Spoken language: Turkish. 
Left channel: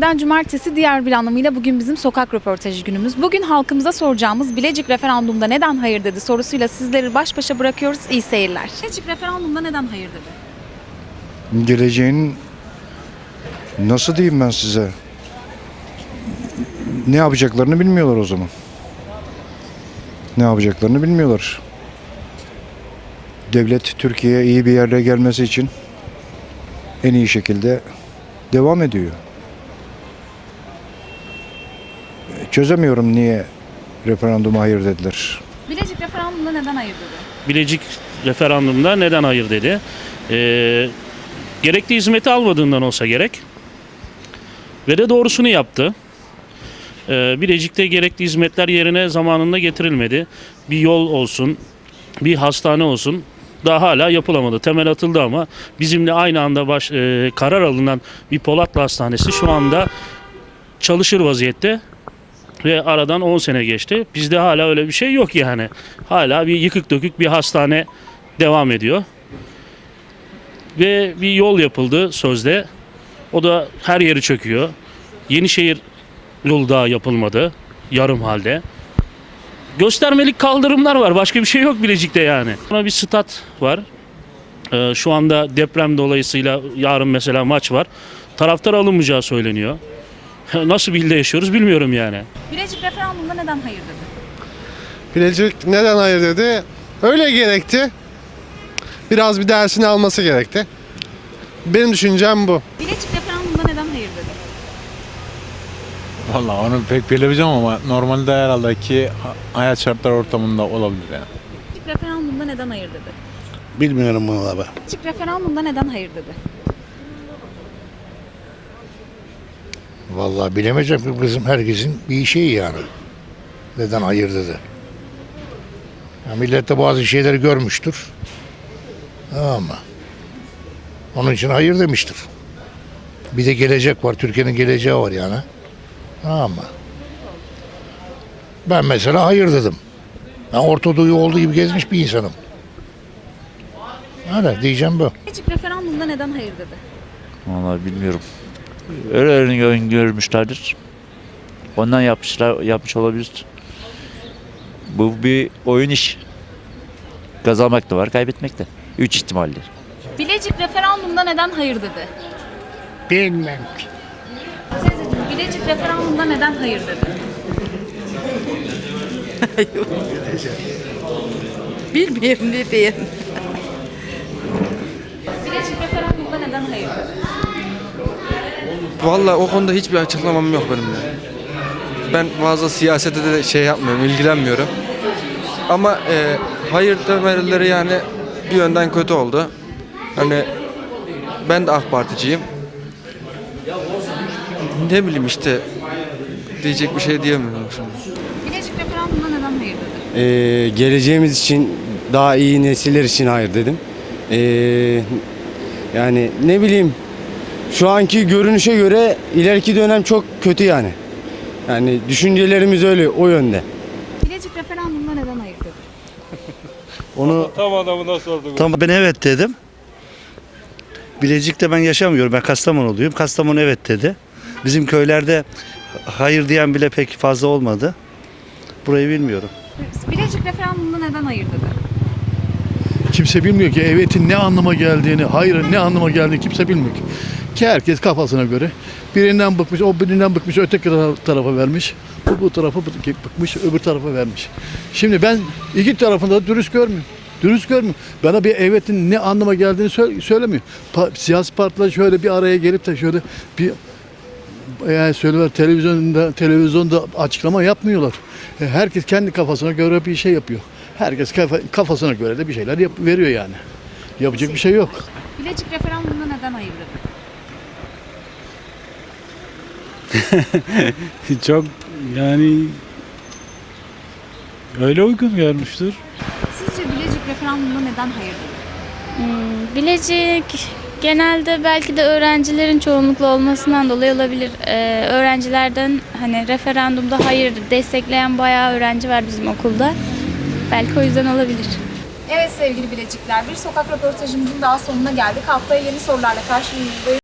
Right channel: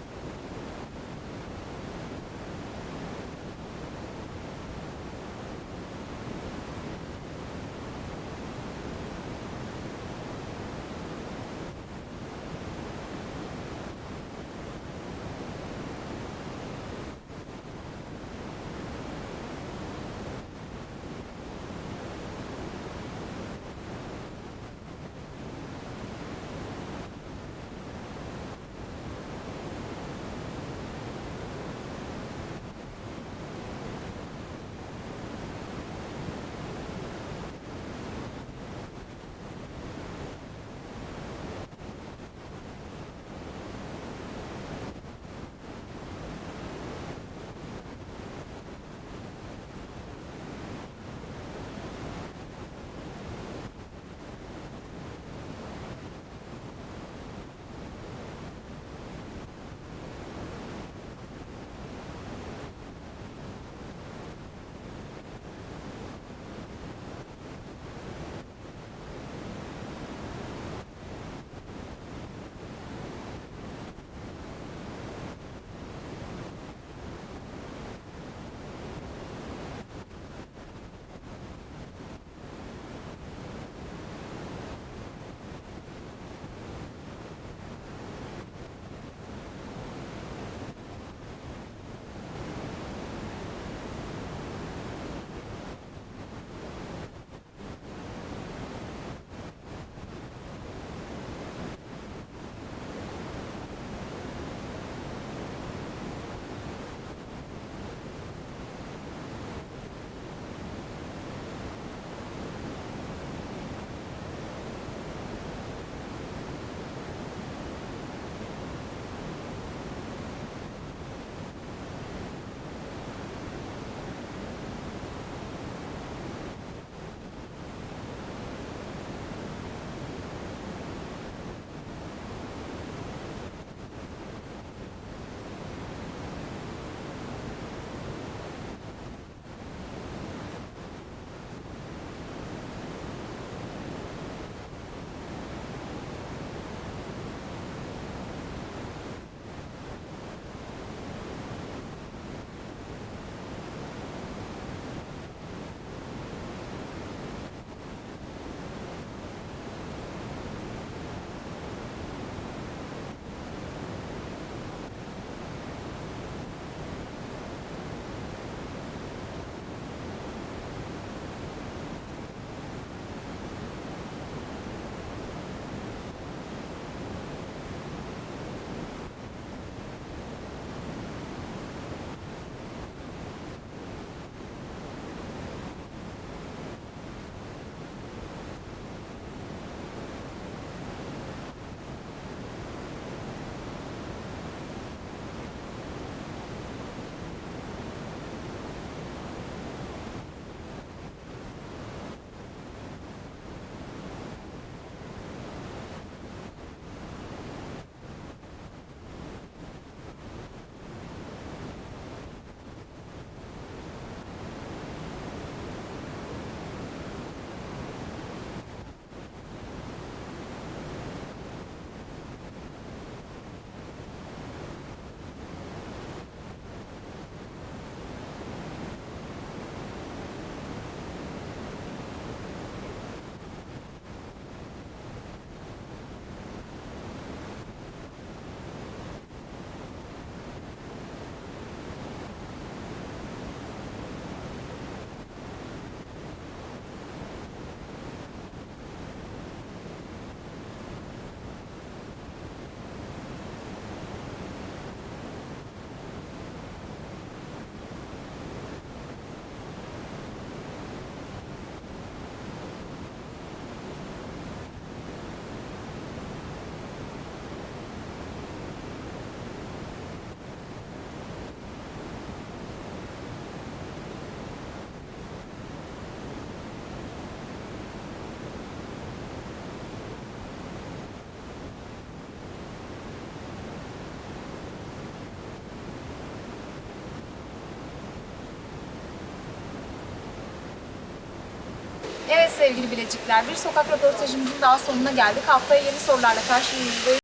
Günlerden cumartesi diğer bir anlamıyla bugün bizim sokak röportajı günümüz. Bugün halkımıza soracağımız Bilecik referandumda neden hayır dedi sorusuyla sizleri baş başa bırakıyoruz. İyi seyirler. Bilecik referandumda neden hayır dedi? geleceğin nasıl diyeyim ben size? Ne yapacaklarını bilmiyorlar o zaman. Ne yapacaklarını bilmiyorlar. Devlet Türkiye'ye iyi bir yerde gelmesi için en iyi şekilde devam ediyor. Çözemiyorum niye referanduma hayır dediler. Bilecik referandumda neden hayır dedi? Bilecik referandumda neden hayır dedi. Ee, gerekli hizmeti almadığından olsa gerek. Ve de doğrusunu yaptı. Ee, Bilecik'te gerekli hizmetler yerine zamanında getirilmedi. Bir yol olsun, bir hastane olsun daha hala yapılamadı. Temel atıldı ama bizimle aynı anda baş, e, karar alınan bir Polatlı Hastanesi şu anda çalışır vaziyette ve aradan 10 sene geçti. Bizde hala öyle bir şey yok yani. Hala bir yıkık dökük bir hastane devam ediyor. Ve bir yol yapıldı sözde. O da her yeri çöküyor. Yenişehir yolu daha yapılmadı. Yarım halde. Göstermelik kaldırımlar var. Başka bir şey yok Bilecik'te yani. Buna bir stat var. Ee, şu anda deprem dolayısıyla yarın mesela maç var. Taraftar alınmayacağı söyleniyor. Nasıl bir ilde yaşıyoruz bilmiyorum yani. Bilecik referandumda neden hayır dedi? Bilecik neden hayır dedi? Öyle gerekti. Biraz bir dersini alması gerekti. Benim düşüncem bu. Bilecik referandumda neden hayır dedi? Vallahi onu pek bilemeyeceğim ama normalde herhalde ki hayat şartları ortamında olabilir yani. Bilecik referandumda neden hayır dedi? Bilmiyorum bunu da ben. Bilecik referandumda neden hayır dedi? Vallahi bilemeyeceğim ki bizim herkesin bir şeyi yani. Neden hayır dedi. Ya millet de bazı şeyleri görmüştür. Ama onun için hayır demiştir. Bir de gelecek var. Türkiye'nin geleceği var yani. Ama ben mesela hayır dedim. Ben Orta Doğu olduğu gibi gezmiş bir insanım. Öyle diyeceğim bu. Bilecik referandumda neden hayır dedi? Vallahi bilmiyorum. Öyle öngörmüşlerdir. Ondan yapmışlar, yapmış olabilir. Bu bir oyun iş. Kazanmak da var, kaybetmek de. Üç ihtimalle. Bilecik referandumda neden hayır dedi? Bilmem. Teyzeciğim, Bilecik referandumda neden hayır dedi? Bilmiyorum ne diyeyim. Bilecik referandumda neden hayır dedi? Vallahi o konuda hiçbir açıklamam yok benim de. Ben fazla siyasete de şey yapmıyorum, ilgilenmiyorum. Ama e, hayır demeleri yani bir yönden kötü oldu. Hani ben de AK Particiyim. Ne bileyim işte diyecek bir şey diyemiyorum şimdi. Bilecik referandumda neden hayır dedi? Ee, geleceğimiz için daha iyi nesiller için hayır dedim. Ee, yani ne bileyim şu anki görünüşe göre ileriki dönem çok kötü yani. Yani düşüncelerimiz öyle o yönde. Bilecik referandumda neden hayır dedi? Onu Tamam ben evet dedim. Bilecik'te ben yaşamıyorum. Ben Kastamonuluyum. Kastamonu evet dedi. Bizim köylerde hayır diyen bile pek fazla olmadı. Burayı bilmiyorum. Bilecik referandumda neden hayır dedi? Kimse bilmiyor ki evetin ne anlama geldiğini, hayırın ne anlama geldiğini kimse bilmiyor ki. Ki herkes kafasına göre birinden bıkmış, o birinden bıkmış, öteki tara- tarafa vermiş. Bu bu tarafa bı- bıkmış, öbür tarafa vermiş. Şimdi ben iki tarafında dürüst görmüyorum. Dürüst görmüyorum. Bana bir evetin ne anlama geldiğini sö- söylemiyor. Pa- siyasi partiler şöyle bir araya gelip de şöyle bir yani söyler televizyonda televizyonda açıklama yapmıyorlar. E, Herkes kendi kafasına göre bir şey yapıyor. Herkes kafa- kafasına göre de bir şeyler yap- veriyor yani. Yapacak bir şey yok. Bilecik referandumda neden hayır dedi? Çok yani öyle uygun görmüştür. Sizce Bilecik referandumda neden hayır dedi? Hmm, Bilecik genelde belki de öğrencilerin çoğunlukla olmasından dolayı olabilir. Ee, öğrencilerden hani referandumda hayır destekleyen bayağı öğrenci var bizim okulda. Belki o yüzden olabilir. Evet sevgili Bilecikler, bir sokak röportajımızın daha sonuna geldik. Haftaya yeni sorularla karşınızdayız.